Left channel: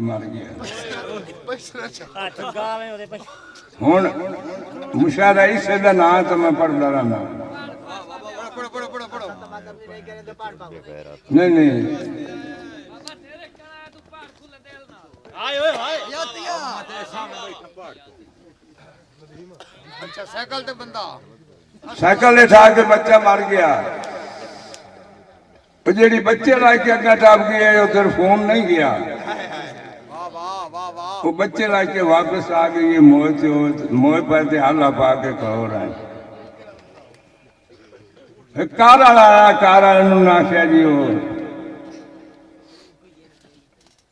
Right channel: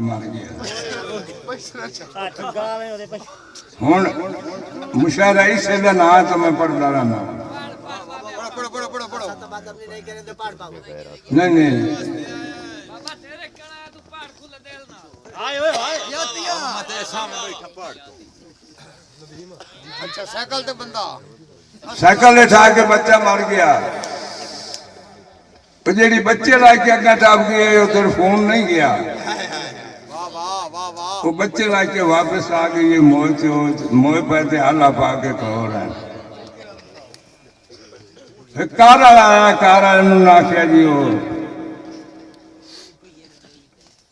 मर गया हुण मुशारा इसे दा ना तो मैं पढ़दा रहना नहीं नहीं अच्छा साइकिल ते बंदा साइकिल उठा के बच्चा मर गया जी बच्चे लाके अगर टप गए उधर फोन नहीं गया वो बच्चे लाके वापस आ गए ये मोह पे हाला पा के कहो रहा है कार आया कार आख्या जी वो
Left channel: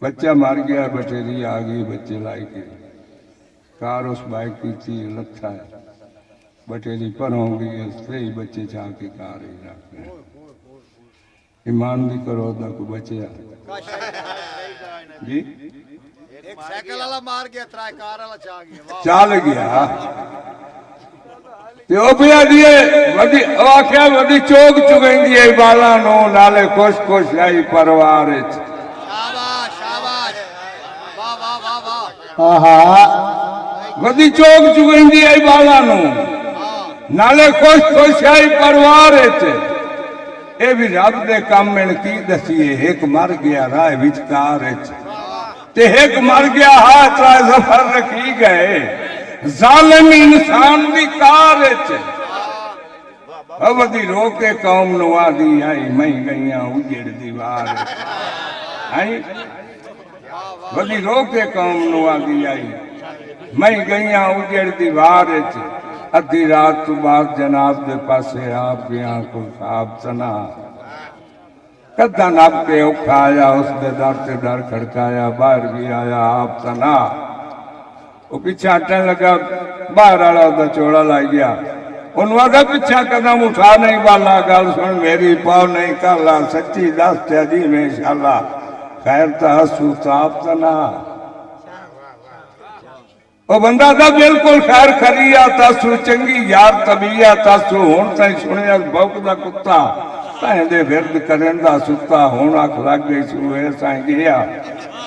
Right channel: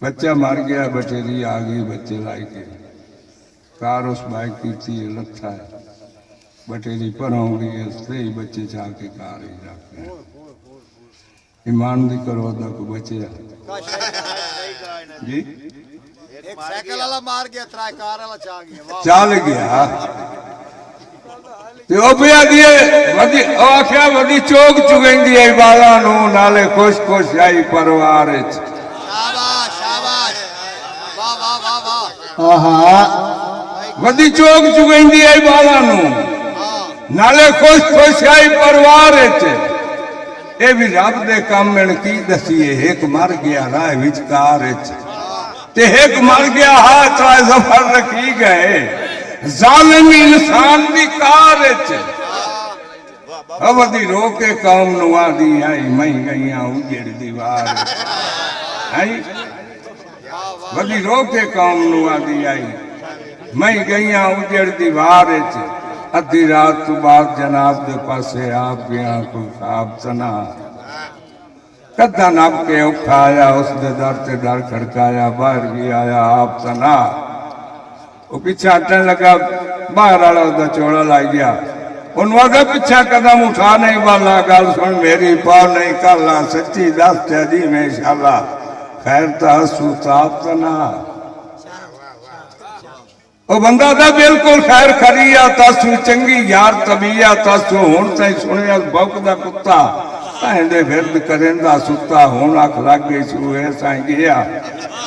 बच्चा मर गया बटेरी आ गई बच्चे लाई के कार उस बाइक की थी लथा है बटेरी पर होंगी उससे ही बच्चे चाह के कार ही जाते हैं ईमान भी करो ना को बचे जी एक साइकिल वाला मार गया त्राय कार वाला चाल गया ते ओ पिया दिए वदी आख्या वदी चोक चुगेंदी है बाला नो नाले खुश खुश आई परिवार च शाबाश शाबाश वाह वाह वाह वाह आहा वदी चोक चुगेंदी है बाला नो नाले खुश खुश आई परिवार च ए भी रब दे काम में की दसीए एक मर गया राह विचकार च ते एक मर गया हाथ राय जफर रखी गए जालिम इंसान दी कार च अवधि रोके कौम नुआ दी आई मई गईया उजड़ दीवार आई वधी रोके कौम नुआ दी आई मई गईया उजड़ दीवार च अद्धी रात तो बाद जनाब दे पासे आप गया कोई खाब सना कदा नब के उठाया उसके दर से डर खड़काया बाहर भी आया आप सना वो पीछे हटने लगा बाहर वाला उधर चोड़ा लाई गया उन्होंने पीछा कदम उठा नहीं वाला गल सुन मेरी पाव नहीं काला सच्ची दस दी में शाला खैर तहसू साफ सना वो बंदा था बिल्कुल खैर खरिया तासू चंगी यार तबीया तासू हुण ताई सुनिया भौंकदा कुत्ता तांदे फिरद करेंदा सुता हुण अख लग गई सूए साई गया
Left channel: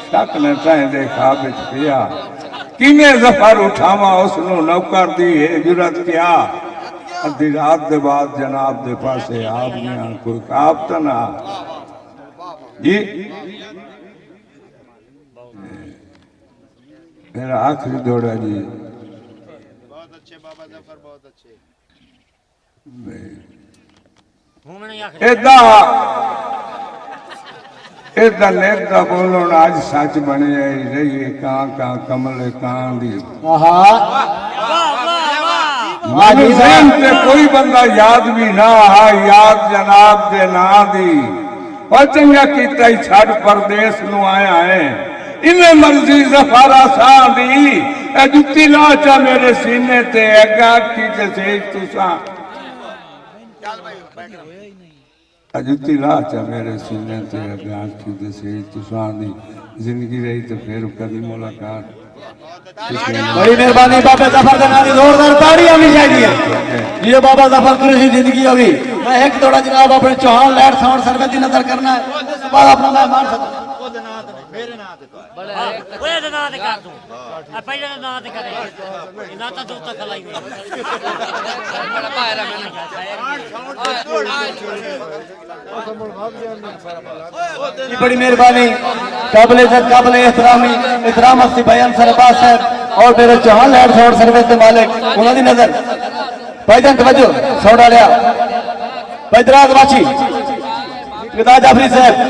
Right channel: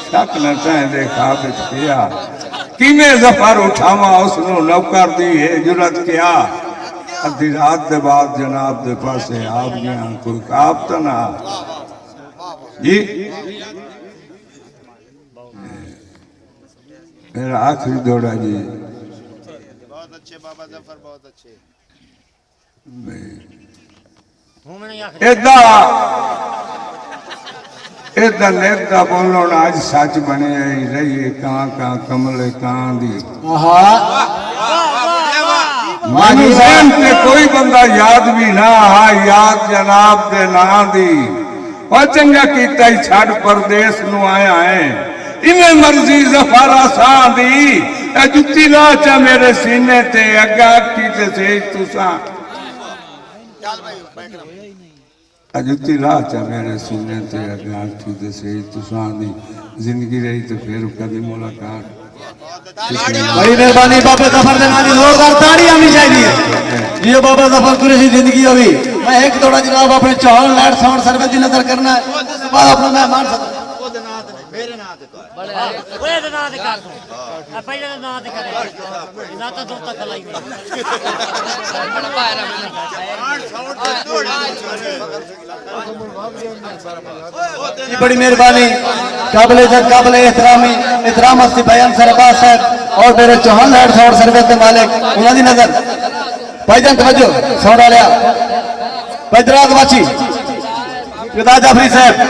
शक ने तांदे खाब विच पिया किने जफर उठावा उसनु नौकर दी है जुरत क्या अद्धी रात दे बाद जनाब दे पासे आप गया कोई काब तो ना जी मेरा आखिरी दौड़ा जी बहुत अच्छे बाबा जफर बहुत अच्छे एदा नेता बोलो आज सच बने आई रही कां कां कमले कां दी मानू जहन ते कोई बंदा याद भी ना हा याद जनाब दे ना दी और चंगा कीता ही छड़ परदेस नु आया है इन्हें मर्जी जफारा सा दी जुत्ती ना चा मेरे सीने ते अगा की ते सेज तुसा चल भाई बैठ जुत्ती ला चा मेरे सीने ते अगा की ते सेज तुसा दी जिंदगी रही तो फिर कभी मुलाकात बड़ी मेहरबानी बाबा जफर जनानी जोरदार ताड़ी आनी चाहिए जियो बाबा जफर कुरैशी जिंदगी होगी मैं एक थोड़ा जनाब अपने चौहान लैंड साउंड सर्विस की नजर करना है बाद अपना मेहमान मेरे नाम ते कर ओए दे नाम ते कर तू आ पहले दे नाम ते कर ना तो दो तक लाई बड़ी मेहरबानी काबिल इज्जत काबिल एहतरामी एहतराम अस्ती बयान सरबाज साहब और मेरे चौहान लैंड साउंड सर्विस के मालिक उन्होंने नजर भाईजान तवज्जो साउंड आ रहा भाई दराज वाची जाफरी साहब